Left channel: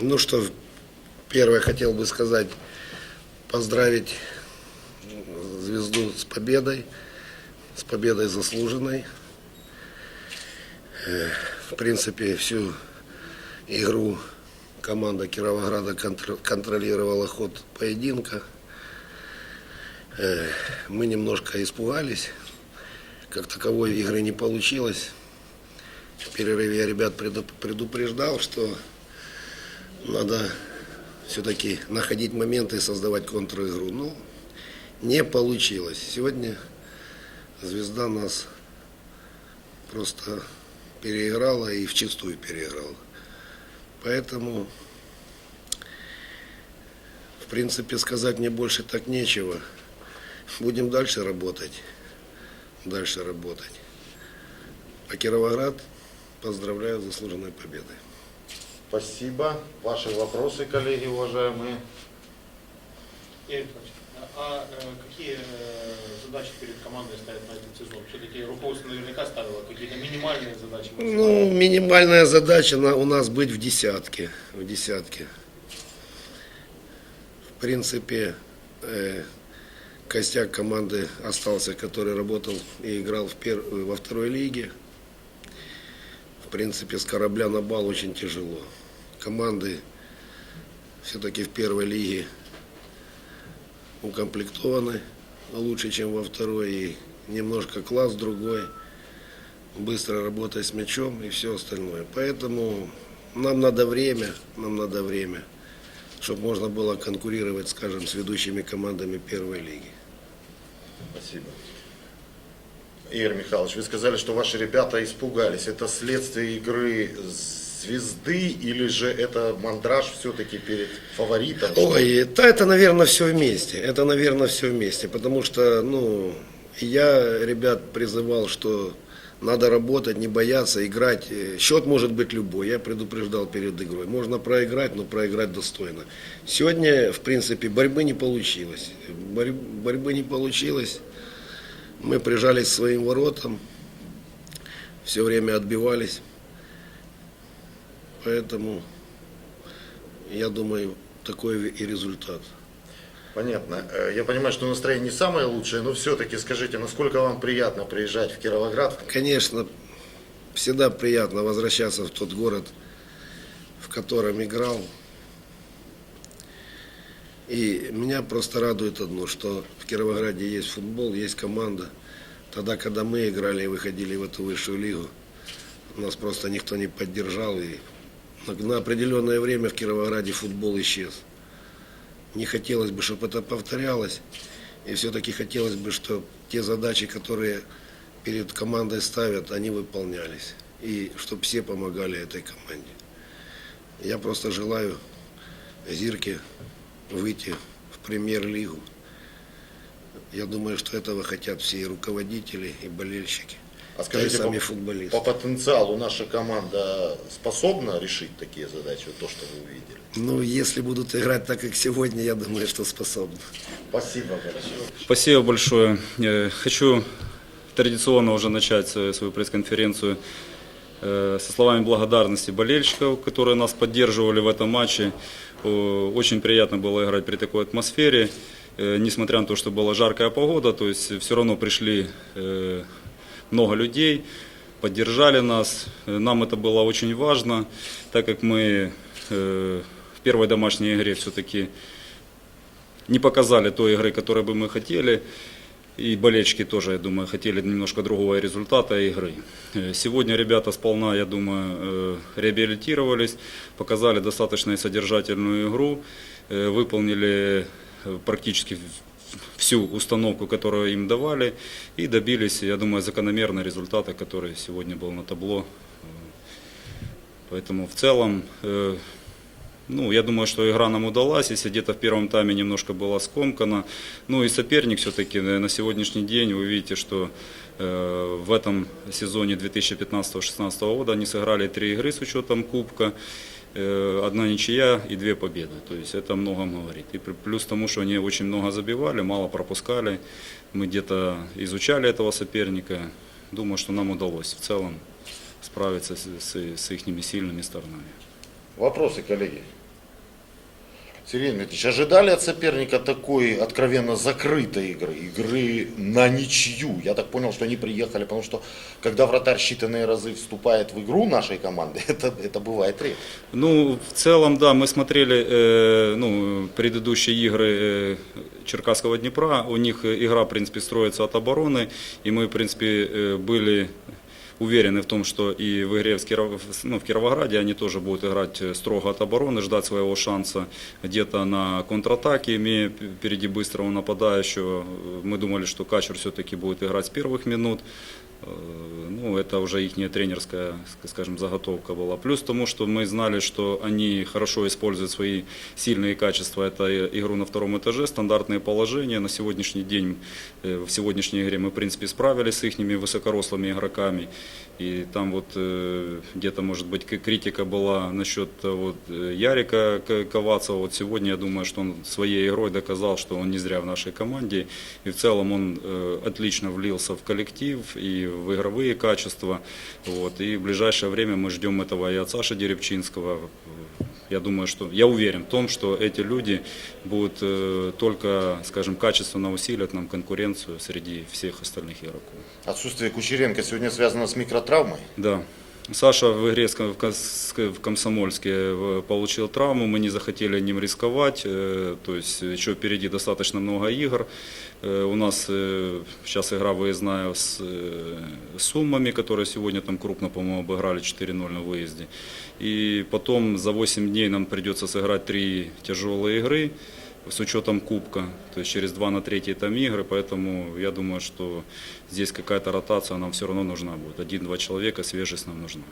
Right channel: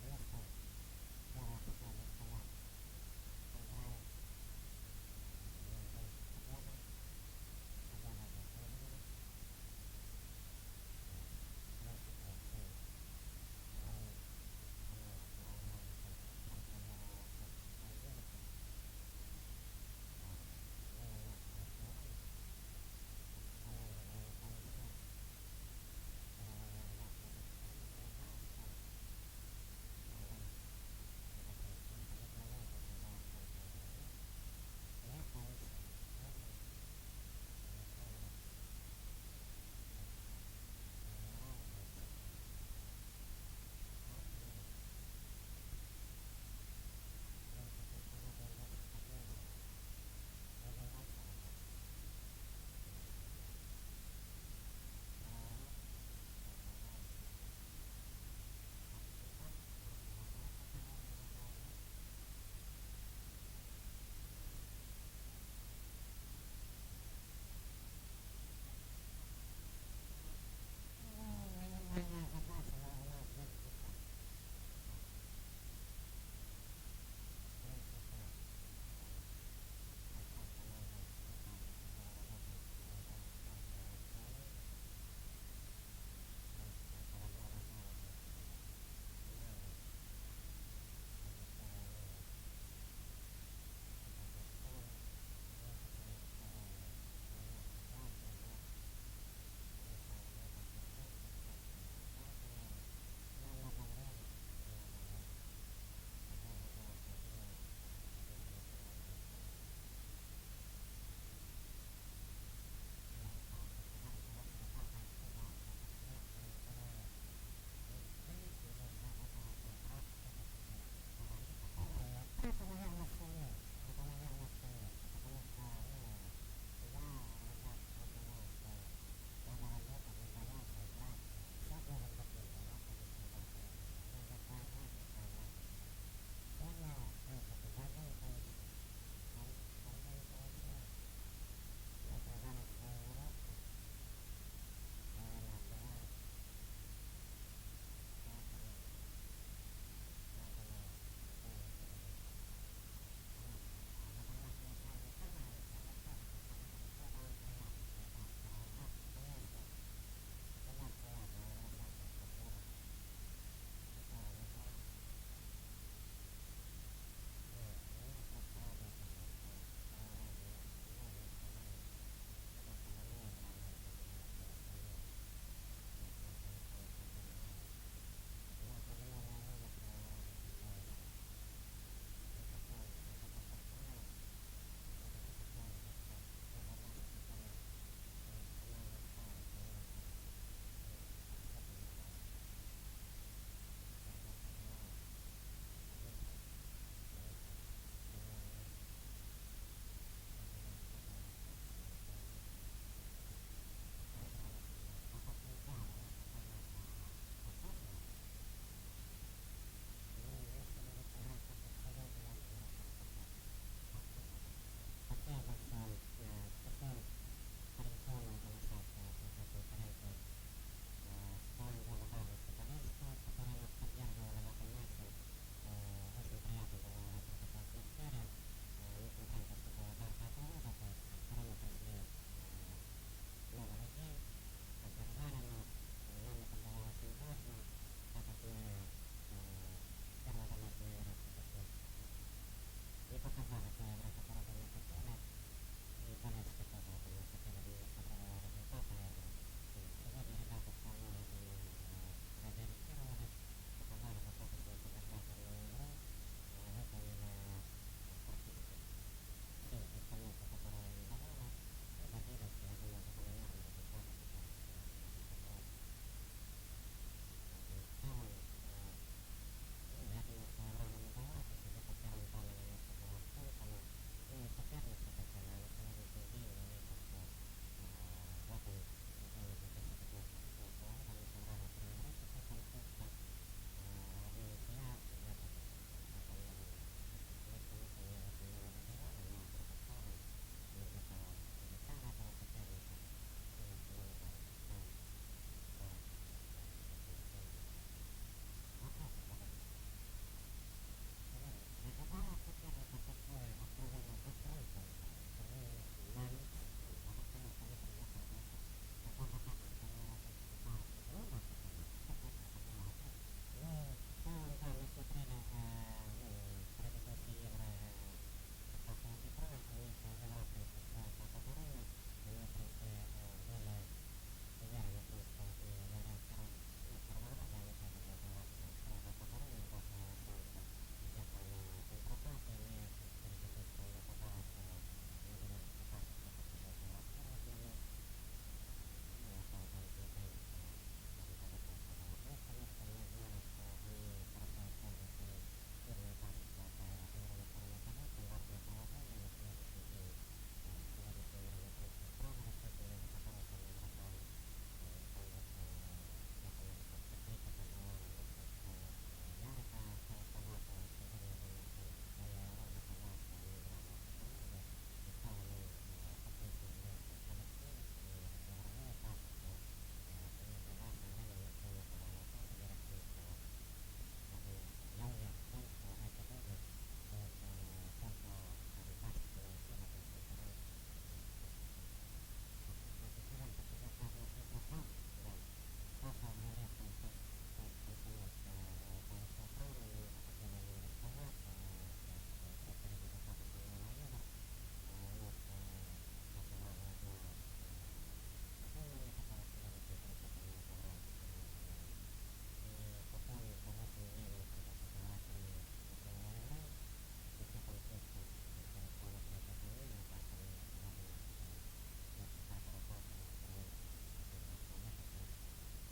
Ну что, первое хотел бы сказать, поздравить звезду с победой, с победой заслуженной. Э, В принципе, всю игру команда Кировограда контр- контролировала ход поединка. Э, Мы немножко испугались, как таковой игры не получилось. В перерыве я ребят преду- предупреждал, что надо все-таки находить моменты и создавать контр-игру. Ну, не получилось. Сегодня звезда нас просто переиграла и вчистую переиграла. Поэтому, в принципе, сказать мне больше так нечего. Будем дальше работать. Дальше работать. А Кировоград поздравляю с заслуженной победой. Спасибо. Ваши вопросы, коллеги, уважаемые. Игорь а э, какие э, задачи перед командой ставят на этот сезон? Все-таки руководство наверняка ставило какие-то минимальные задачи. Ну, минимальная задача на, у нас быть в десятке. В десятке. В принципе, э, костяк команды остался, который работал и играл в пер- во второй лиге. В принципе, с корабля на бал очень тяжело. Команды все-таки в первой лиге укомплектованы лучше, чем во второй. И немножко класс другой быстро работать с мячом и все остальное. Поэтому нам надо время, нам надо время, чтобы можно было конкурировать, скажем, с ведущими командами первой лиги. Спасибо. Игорь Михайлович, вы сказали, что ваши ребята испугались. Это следствие игры звезды или же это мандраж все-таки перед фаворитом? Ой, да, это, наверное, все вместе. Это, наверное, все вместе. Потому что, ну, я ребят призывал, что надо работать, не бояться, играть. Э, Счет может быть любой. Я предупреждал перед игрой. Можно проиграть, но проиграть достойно. Сегодня, в принципе, борьбы не получилось. Борь- борьбы не получилось. Мы прижались к своим воротам. Все время отбивались. Поэтому, я думаю, такой и результат. Понятно. Э, Я понимаю, что настроение не самое лучшее, но все-таки скажите, насколько вам приятно приезжать в Кировоград? Конечно, всегда приятно возвращаться в тот город, в котором играл. И меня просто радует одно, что в Кировограде есть футбол, есть команда. Тогда, когда мы играли и выходили в эту высшую лигу, нас просто никто не поддержал. И на- определенное время в Кировограде футбол исчез. Не хотелось бы, чтобы это повторялось. И все-таки хотелось бы, чтобы те задачи, которые перед командой ставят, они выполнялись. И чтобы все помогали этой команде. Я просто желаю Зирке выйти в премьер-лигу. Я думаю, что этого хотят все и руководители, и болельщики, А скажите, сами по, футболисты. по потенциалу наша команда способна решить такие задачи, вот то, что вы увидели? Ну, если будут играть так, как сегодня, я думаю, что способны. Спасибо большое. Спасибо большое. Э, Хочу традиционно уже начать свою свою пресс-конференцию э, со словами благодарности болельщиков, которые нас поддерживали в этом матче. Очень приятно было играть при такой атмосфере, Э, несмотря на то, что была жаркая погода, то есть все равно пришли э, много людей, поддержали нас. Нам это было очень важно, так как мы э, в первой домашней игре все-таки не показали той игры, которой бы мы хотели. И болельщики тоже, я думаю, хотели немножко другого результата игры. Э, Сегодня ребята сполна, я думаю, э, реабилитировались, показали достаточно содержательную игру, выполнили практически всю установку, которую им давали, и добились, я думаю, закономерного результата, который сегодня был на табло. Э, Поэтому в целом э, ну, я думаю, что игра нам удалась, если где-то в первом тайме немножко была скомкана. Ну и соперник все-таки на сегодняшний день, вы видите, что э, в этом сезоне 2015-2016 года они сыграли три игры с учетом Кубка, э, одна ничья и две победы. То есть это многом говорит. И плю- плюс тому, что они очень много забивали, мало пропускали. Мы где-то изучали этого соперника. Думаю, что нам удалось в целом справиться с, с, с их сильными сторонами. Вопросы, коллеги? Сергей Дмитриевич, ожидали от соперника такой откровенно закрытой игры, игры на ничью? Я так понял, что они приехали, потому что когда вратарь считанные разы вступает в игру нашей команды, это, это бывает редко. Ну, в целом, да, мы смотрели э, ну, предыдущие игры э, Черкасского Днепра. У них игра, в принципе, строится от обороны. И мы, в принципе, э, были уверены в том, что и в игре в, Киров- ну, в Кировограде они тоже будут играть э, строго от обороны, ждать своего шанса где-то на контратаке, имея впереди быстрого нападающего. Э, Мы думали, что Качер все-таки будет играть с первых минут. Э, Ну, это уже их тренерская, ск- скажем, заготовка была. Плюс тому, что мы знали, что они хорошо используют свои сильные качества. Это игру на втором этаже, стандартные положения. На сегодняшний день, э, в сегодняшней игре мы, в принципе, справились с их высокорослыми игроками. И там вот э, где-то, может быть, критика была насчет вот, Ярика К- Ковацева. Вот сегодня я думаю, что он своей игрой доказал, что он не зря в нашей команде. И в целом он отлично влился в коллектив и в игровые качества. Вот. И в ближайшее время мы ждем этого и от Саши Деревчинского. Я думаю, что я уверен в том, что эти люди будут э, только, скажем, качественно усилят нам конкуренцию среди всех остальных игроков. Отсутствие Кучеренко сегодня связано с микротравмой. Да. Саша в игре в Комсомольске э, получил травму, мы не захотели ним рисковать, э, то есть еще впереди достаточно много игр. Э, У нас сейчас игра выездная с Суммами, которые сегодня там крупно, по-моему, обыграли 4-0 на выезде. И потом за 8 дней нам придется сыграть три тяжелые игры с учетом кубка, то есть через 2 на 3 там игры, поэтому я думаю, что здесь какая-то ротация нам все равно нужна будет. Один-два человека, свежесть нам нужна.